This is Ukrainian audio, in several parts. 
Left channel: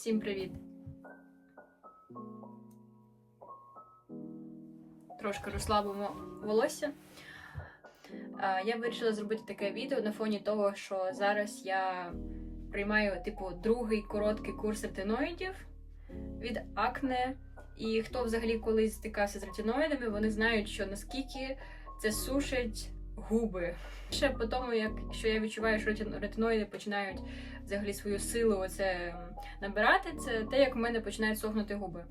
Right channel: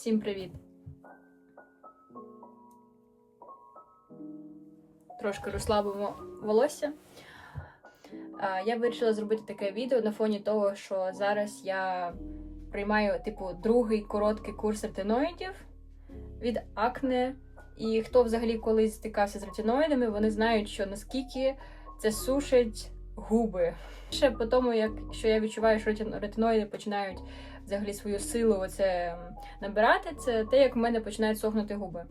Всім привіт! Трошки розслабимо волосся. Я вирішила зробити таке відео на фоні того, що зараз я приймаю, типу, другий короткий курс ретиноїдів від акне. І хто взагалі колись стикався з ретиноїдами, вони знають, що наскільки це сушить губи. Ще по тому, як що я відчуваю, що ретиноїди починають взагалі свою силу оце набирати, це те, як в мене починають сохнути губи.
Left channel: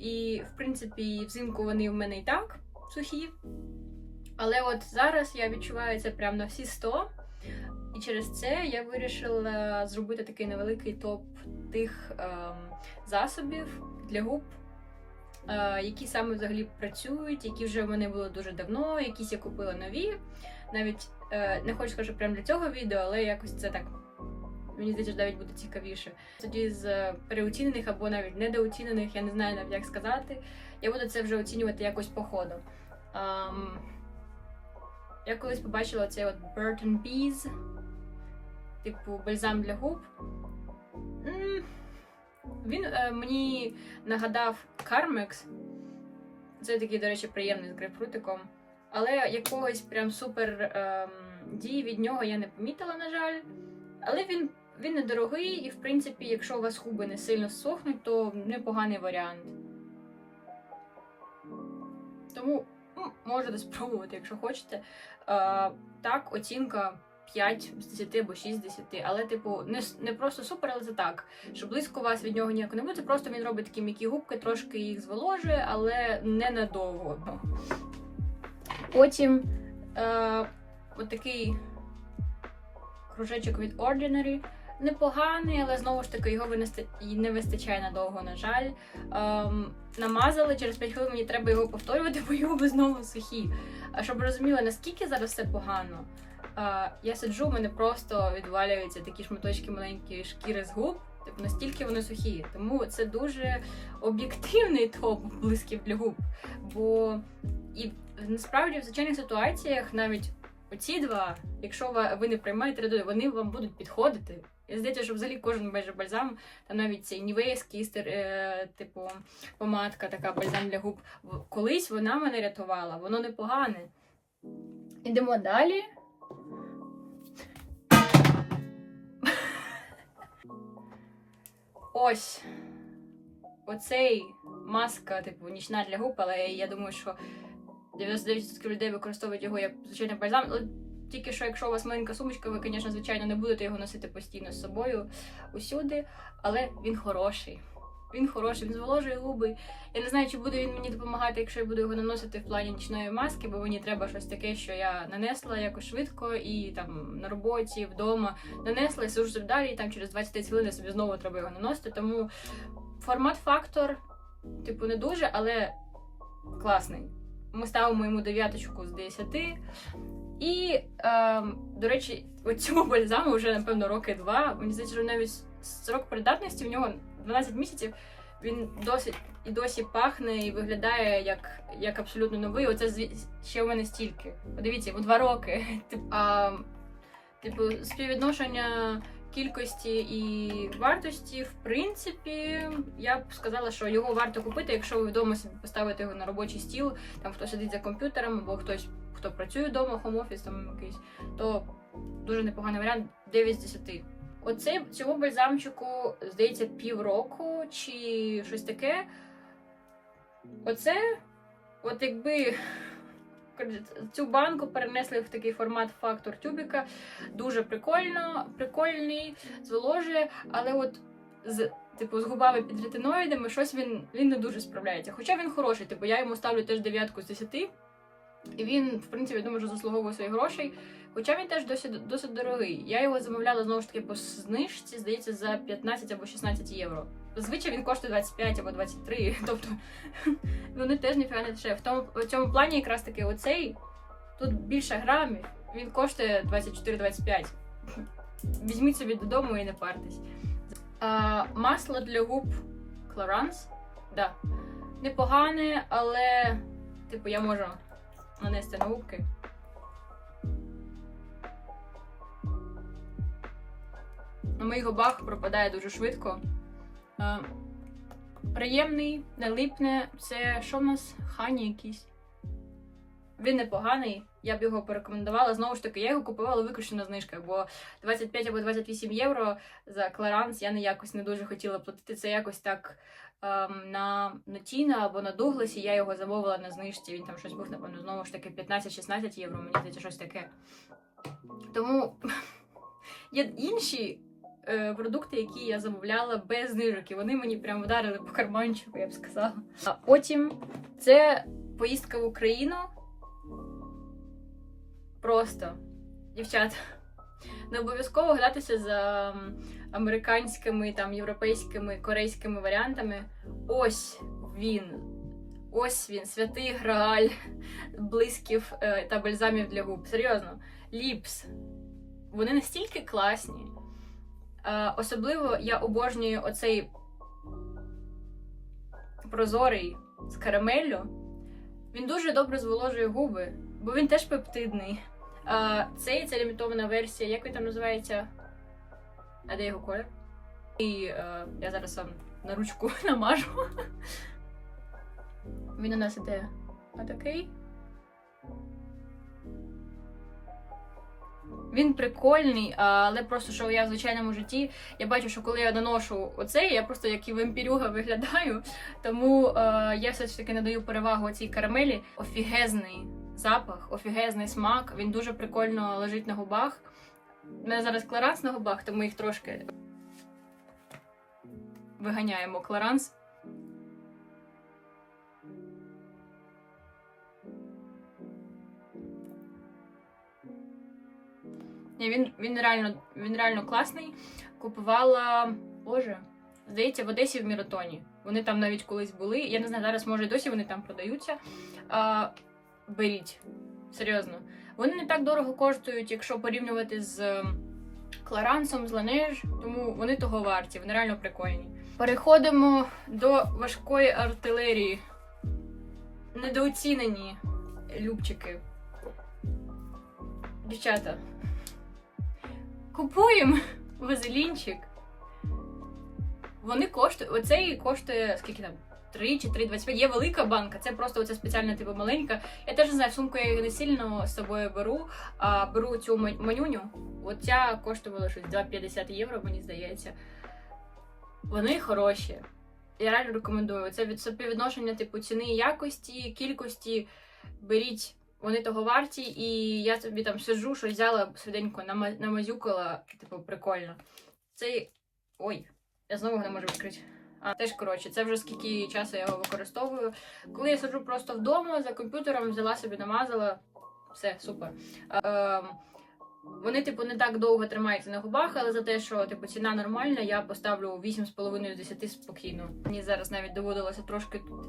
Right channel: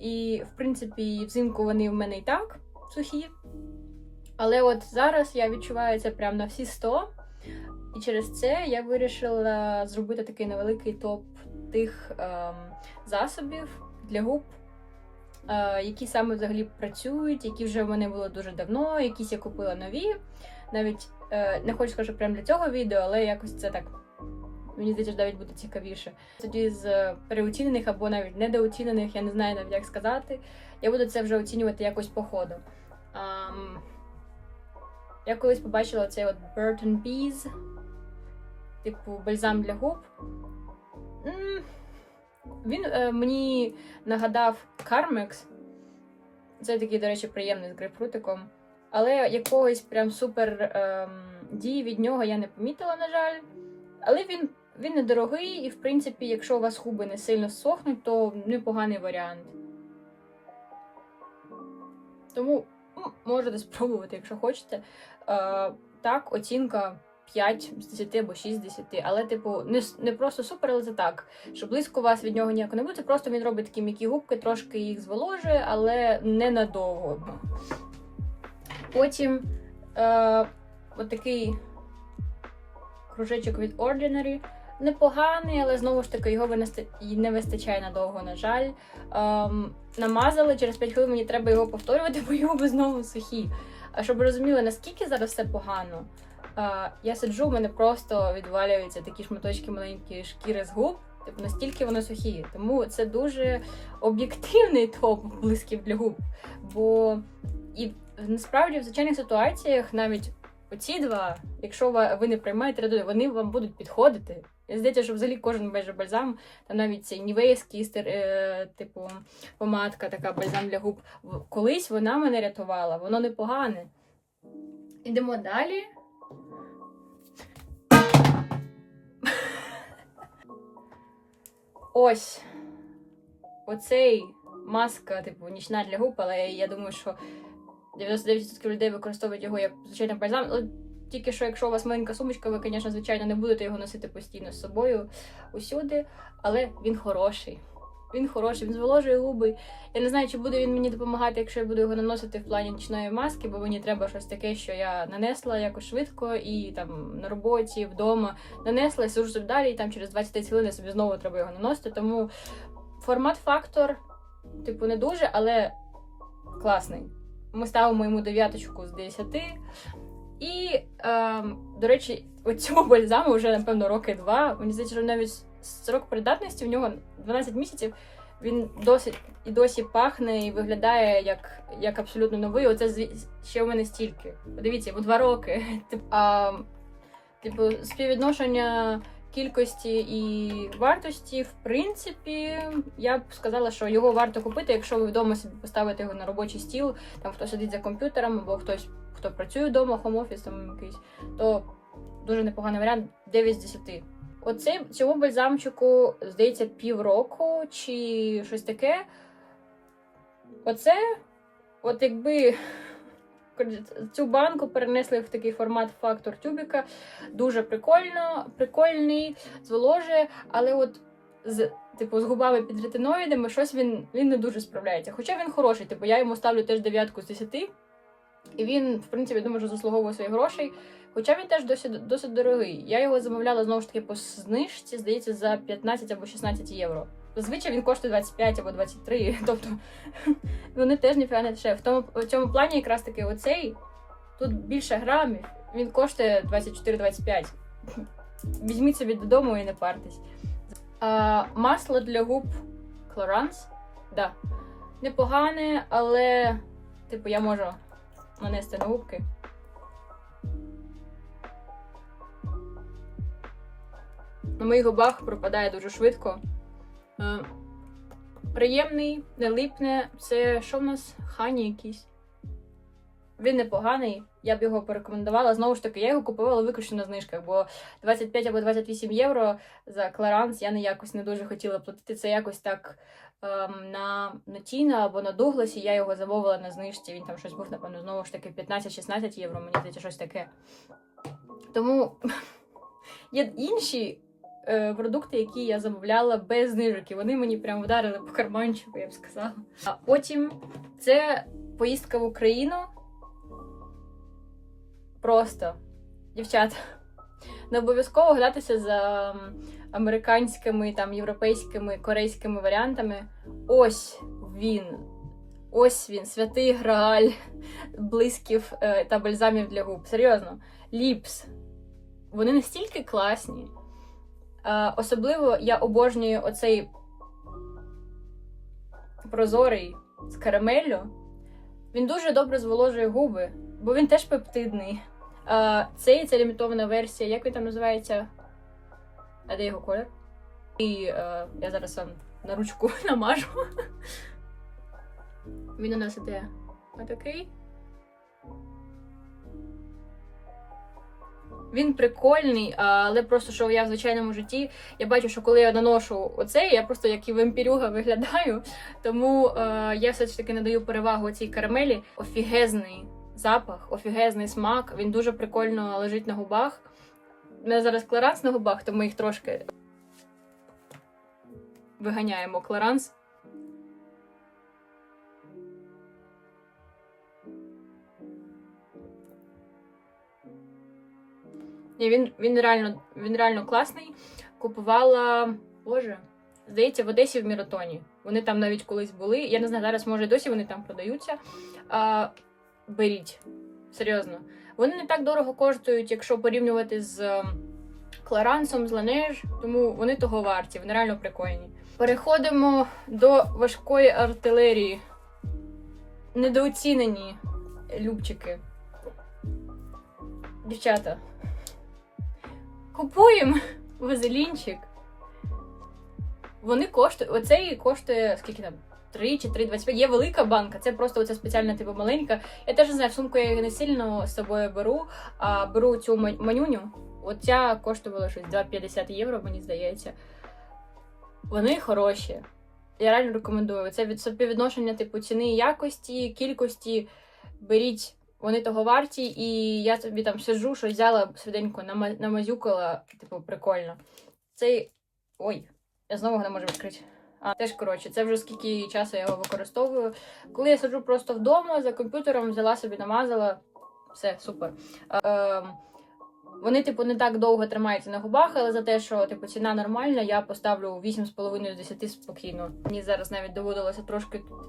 І, в принципі, взимку вони в мене і так сухі. Але от зараз я відчуваю це прямо на всі 100. І через це я вирішила зробити такий невеликий топ тих ем, засобів для губ, е, які саме взагалі працюють, які вже в мене було дуже давно, якісь я купила нові. Навіть е, не хочу сказати, прямо для цього відео, але якось це так. Мені здається, навіть буде цікавіше. Тоді з е, переоцінених або навіть недооцінених, я не знаю навіть як сказати. Я буду це вже оцінювати якось по ходу. Ам, я колись побачила цей от Burton Bees, типу бальзам для губ. М, Він е, мені нагадав Carmex. Це такий, до речі, приємний з грейпфрутиком. Але якогось прям супер ем, дії від нього я не помітила, на жаль. Але він, він недорогий, і, в принципі, якщо у вас губи не сильно сохнуть, то непоганий варіант. Тому можете спробувати, якщо хочете. Е, так, оцінка 5 з 10 або 6 з 10. Але, типу, не, не просто супер, але це так. Що близько вас від нього ніяко не буде. Просто він робить такі м'які губки, трошки їх зволожує, але не надовго. Потім е, отакий кружечок від Ordinary. Непоганий, але знову ж таки його винести- не вистачає надовго, на жаль. Ем, намазали, через 5 хвилин мені треба його повторювати, бо його би знову сухі. А щоб розуміли, наскільки зараз все погано, е, я сиджу, в мене просто відвалюються такі шматочки маленькі шкіри з губ. Типу настільки вони сухі. Тому це дуже об'єктивний топ блисків для губ. Бо і насправді в звичайних ситуаціях навіть оці два, якщо ви не приймаєте редуди, вони вам будуть підходити. І здається, що взагалі кожен майже бальзам, там навіть цей нівейський е, типу помадка, така бальзам для губ. Колись вона мене рятувала, воно непогане. Ідемо далі. Ось оцей маска, типу, нічна для губ, але я думаю, що 99% людей використовують його як звичайний бальзам. Ну, Тільки що, якщо у вас маленька сумочка, ви, звісно, звичайно, не будете його носити постійно з собою усюди, але він хороший. Він хороший, він зволожує губи. Я не знаю, чи буде він мені допомагати, якщо я буду його наносити в плані нічної маски, бо мені треба щось таке, що я нанесла якось швидко і там на роботі, вдома нанесла, сижу собі далі, і там через 20 хвилин собі знову треба його наносити. Тому формат-фактор, типу, не дуже, але класний. Ми ставимо йому дев'яточку з 10. І, ем, до речі, цьому бальзаму вже, напевно, роки два. Мені здається, що навіть срок придатності в нього 12 місяців. Він досить і досі пахне і виглядає як, як абсолютно новий. Оце ще у мене стільки. Подивіться, йому два роки. Типу, співвідношення кількості і вартості, в принципі, я б сказала, що його варто купити, якщо ви вдома собі поставите його на робочий стіл, там хто сидить за комп'ютером, або хтось, хто працює вдома, хом-офіс якийсь, то дуже непоганий варіант 9 з 10. Оце цьому бальзамчику, здається, півроку чи щось таке. Оце, от якби цю банку перенесли в такий формат фактор тюбіка. Дуже прикольно, прикольний, зволожує, але от з. Типу, з губами під ретиноїдами щось він, він не дуже справляється. Хоча він хороший, типу, я йому ставлю теж дев'ятку з 10. І він, в принципі, думаю, що заслуговує своїх грошей. Хоча він теж досить, досить дорогий. Я його замовляла знову ж таки по знижці, здається, за 15 або 16 євро. Зазвичай він коштує 25 або 23, тобто вони теж ніфіга не дешеві. В в цьому плані якраз таки оцей тут більше грамів, він коштує 24-25. Візьміть собі додому і не партесь. А, масло для губ Clarins, да. Непогане, але, типу, я можу нанести на губки. На моїх губах пропадає дуже швидко. Е, приємний, не липне. Це що в нас? Хані якийсь. Він непоганий, я б його порекомендувала. Знову ж таки, я його купувала виключно на знижках, бо 25 або 28 євро за Кларанс я не якось не дуже хотіла платити. Це якось так ем, на, на Тіна або на Дугласі. Я його замовила на знижці. Він там щось був, напевно, знову ж таки 15-16 євро, мені здається, щось таке. Тому є інші е, продукти, які я замовляла без знижок, і вони мені прям вдарили по карманчику, я б сказала. А потім це поїздка в Україну. Просто, дівчата, не обов'язково гнатися за американськими, там, європейськими, корейськими варіантами. Ось він. Ось він, святий грааль блисків е, та бальзамів для губ. Серйозно, ліпс. Вони настільки класні. Е, особливо я обожнюю оцей прозорий з карамеллю. Він дуже добре зволожує губи, бо він теж пептидний. Цей це лімітована версія, як він там називається? А де його колір? І е, я зараз вам на ручку намажу. Він у нас іде отакий. Він прикольний, але просто що я в звичайному житті, я бачу, що коли я наношу оцей, я просто як і вампірюга виглядаю. Тому е, я все ж таки надаю перевагу цій карамелі. Офігезний запах, офігезний смак. Він дуже прикольно лежить на губах. У мене зараз кларанс на губах, тому їх трошки виганяємо кларанс. Ні, він, він, реально, він реально класний. Купувала, боже, здається, в Одесі в Міротоні. Вони там навіть колись були. Я не знаю, зараз може досі вони там продаються. А, беріть. Серйозно. Вони не так дорого коштують, якщо порівнювати з ем, Кларансом, з Ланеж, тому вони того варті, вони реально прикольні. Переходимо до важкої артилерії. Недооцінені любчики. Дівчата. Купуємо вазелінчик. Вони коштують. Оцей коштує скільки там? 3 чи 3,25. Є велика банка, це просто оця спеціальна, типу маленька. Я теж не знаю, в сумку я її не сильно з собою беру, а беру цю манюню. Оця коштувала щось 2,50 євро, мені здається. Вони хороші. Я реально рекомендую. Це від співвідношення типу ціни і якості, кількості. Беріть, вони того варті, і я тобі там сиджу, щось взяла швиденько, намазюкала, типу, прикольно. Цей. Ой, я знову не можу відкрити. А теж коротше, це вже скільки часу я його використовую. Коли я сиджу просто вдома за комп'ютером, взяла собі, намазала, все супер. Ем, вони, типу, не так довго тримаються на губах, але за те, що типу ціна нормальна, я поставлю 8,5 з 10 спокійно. Мені зараз навіть доводилося трошки тут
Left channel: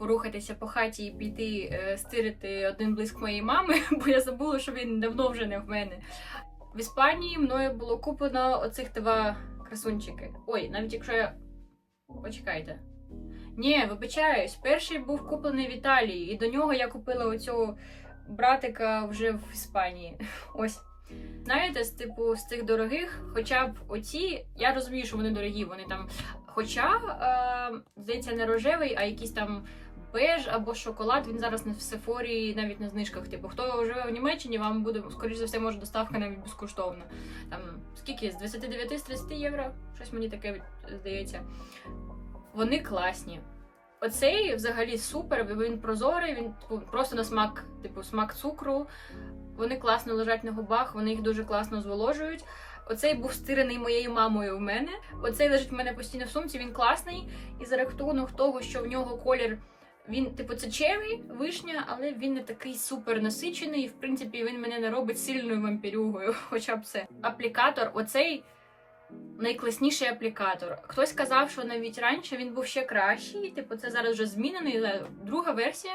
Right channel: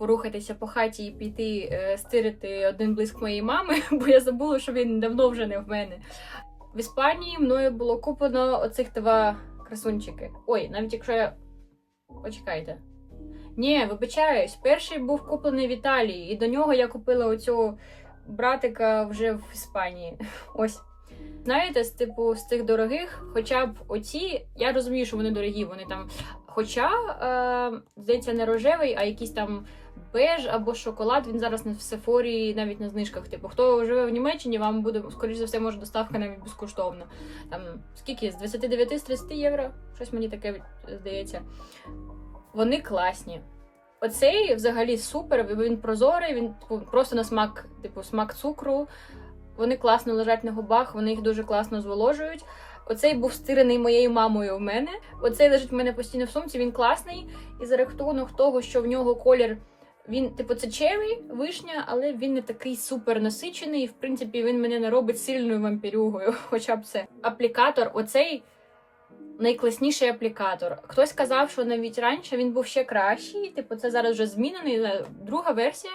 порухатися по хаті і піти е, стирити один блиск моєї мами, бо я забула, що він давно вже не в мене. В Іспанії мною було куплено оцих два красунчики. Ой, навіть якщо я. Почекайте. Ні, вибачаюсь, перший був куплений в Італії, і до нього я купила оцю братика вже в Іспанії. Ось. Знаєте, з типу з цих дорогих, хоча б оці, я розумію, що вони дорогі, вони там. Хоча, е, здається, не рожевий, а якийсь там беж або шоколад. Він зараз на в Сефорі навіть на знижках. Типу, хто живе в Німеччині, вам буде, скоріш за все, може доставка навіть безкоштовна. Там скільки? З 29 з 30 євро? Щось мені таке здається. Вони класні. Оцей взагалі супер, він прозорий, він типу, просто на смак, типу, смак цукру. Вони класно лежать на губах, вони їх дуже класно зволожують. Оцей був стирений моєю мамою в мене. Оцей лежить в мене постійно в сумці, він класний. І за рахунок того, що в нього колір, він, типу, це черві, вишня, але він не такий супер насичений. І, в принципі, він мене не робить сильною вампірюгою. Хоча б це. Аплікатор, оцей найкласніший аплікатор. Хтось казав, що навіть раніше він був ще кращий. Типу, це зараз вже змінений. Друга версія.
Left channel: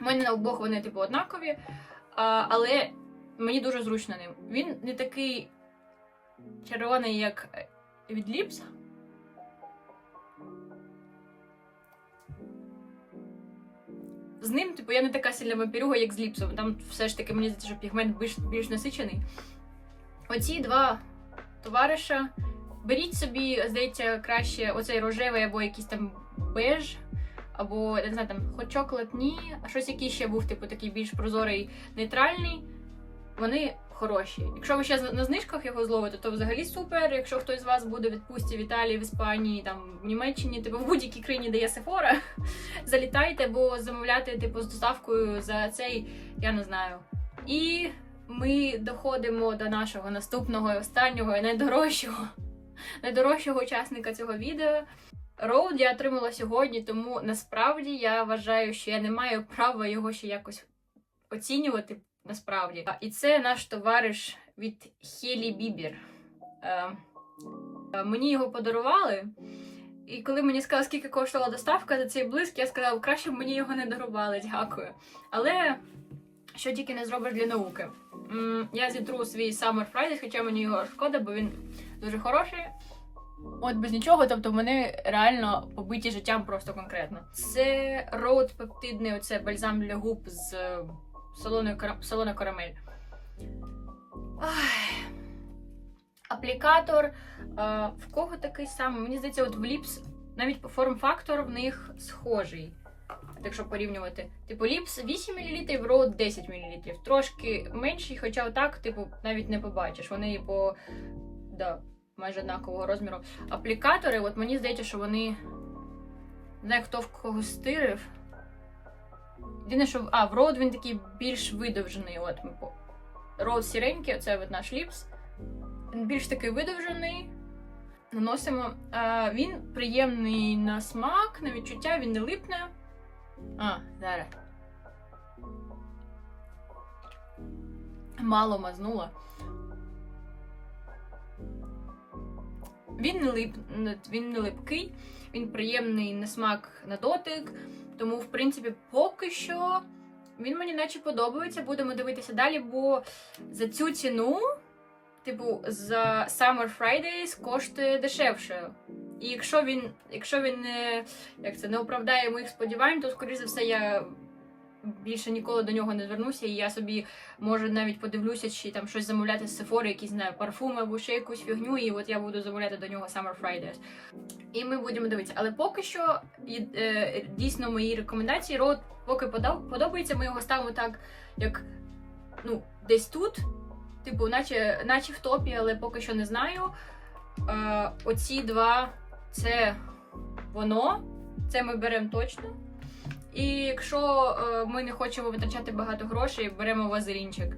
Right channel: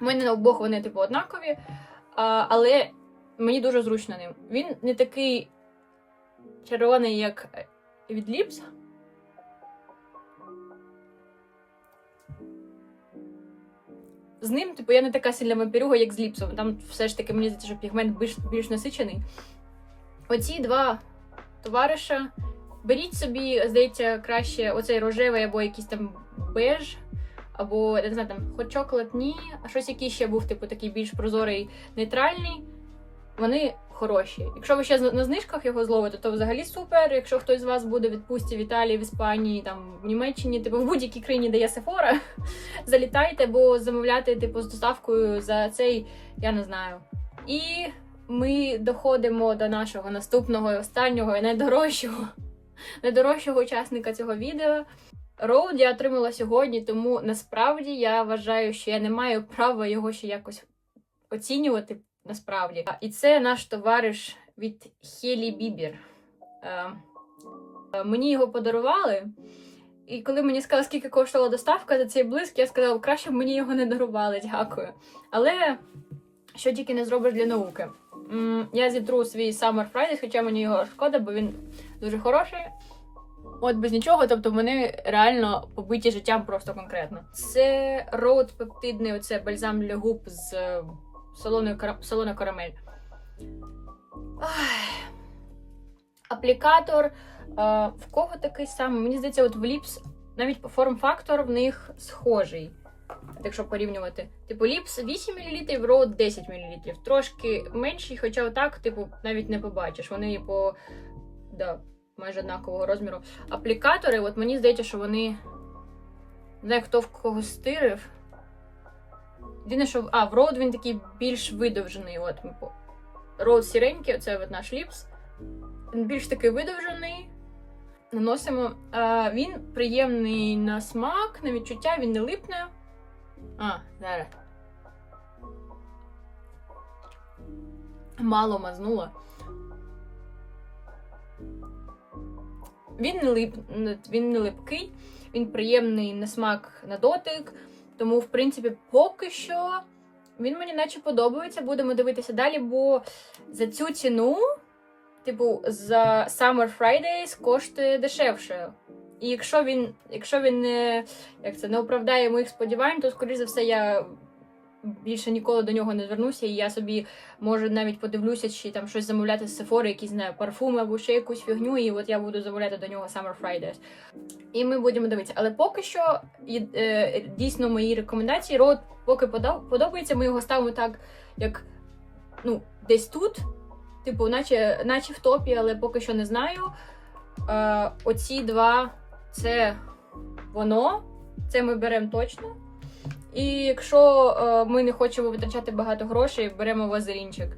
У мене на обох вони, типу, однакові. А, але мені дуже зручно ним. Він не такий червоний, як від Ліпс. З ним, типу, я не така сильна вампірюга, як з ліпсом. Там все ж таки мені здається, що пігмент більш, більш насичений. Оці два товариша беріть собі, здається, краще оцей рожевий або якийсь там беж, або не знаю, там хоч чоколад, ні, а щось який ще був, типу, такий більш прозорий, нейтральний. Вони хороші. Якщо ви ще на знижках його зловите, то взагалі супер. Якщо хтось з вас буде в відпустці в Італії, в Іспанії, там в Німеччині, типу в будь-якій країні, де є Сефора, залітайте, бо замовляти типу з доставкою за цей, я не знаю. І ми доходимо до нашого наступного і останнього і найдорожчого, найдорожчого учасника цього відео. Роуд я отримала сьогодні, тому насправді я вважаю, що я не маю права його ще якось оцінювати насправді. І це наш товариш від Хелі Бібір. Е, е, мені його подарували. І коли мені сказали, скільки коштувала доставка за цей блиск, я сказала, краще б мені його не дарували, дякую. Але що тільки не зробиш для науки. Я зітру свій Summer Fridays, хоча мені його шкода, бо він дуже хороший. От без нічого, тобто вони реально побиті життям просто конкретно. Це роуд пептидний, оце бальзам для губ з е, солоною солона карамель. Ай. Аплікатор. е, в кого такий самий? Мені здається, от в Ліпс навіть форм-фактор в них схожий. Якщо порівнювати. Типу, Ліпс 8 мл, Роуд 10 мл. Трошки менший, хоча отак, типу, навіть не побачиш. Вони по да, майже однакового розміру. Аплікатори, от мені здається, що вони. Не хто в кого стирив. Єдине, що а, в Роуд він такий більш видовжений. От Роуд сіренький, оце от наш ліпс. Він більш такий видовжений. Наносимо. А, він приємний на смак, на відчуття, він не липне. А, зараз. Мало мазнула. Він не лип, він не липкий, він приємний на смак на дотик. Тому, в принципі, поки що він мені наче подобається. Будемо дивитися далі, бо за цю ціну, типу, за Summer Fridays коштує дешевше. І якщо він, якщо він не, як це, не оправдає моїх сподівань, то, скоріш за все, я більше ніколи до нього не звернуся, і я собі може навіть подивлюся, чи там щось замовляти з Sephora, якісь знаю, парфуми або ще якусь фігню, і от я буду замовляти до нього Summer Fridays. І ми будемо дивитися. Але поки що е, дійсно мої рекомендації. Рот поки подобається, ми його ставимо так, як ну, десь тут. Типу, наче, наче в топі, але поки що не знаю. Е, оці два це воно. Це ми беремо точно. І якщо е, ми не хочемо витрачати багато грошей, беремо вазелінчик.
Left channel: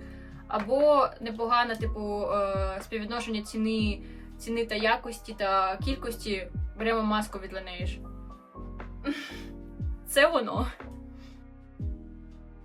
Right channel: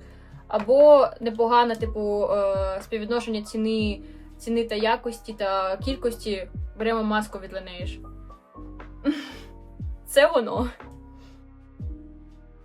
Або непогане, типу, е, співвідношення ціни, ціни та якості та кількості, беремо маску від Laneige. Це воно.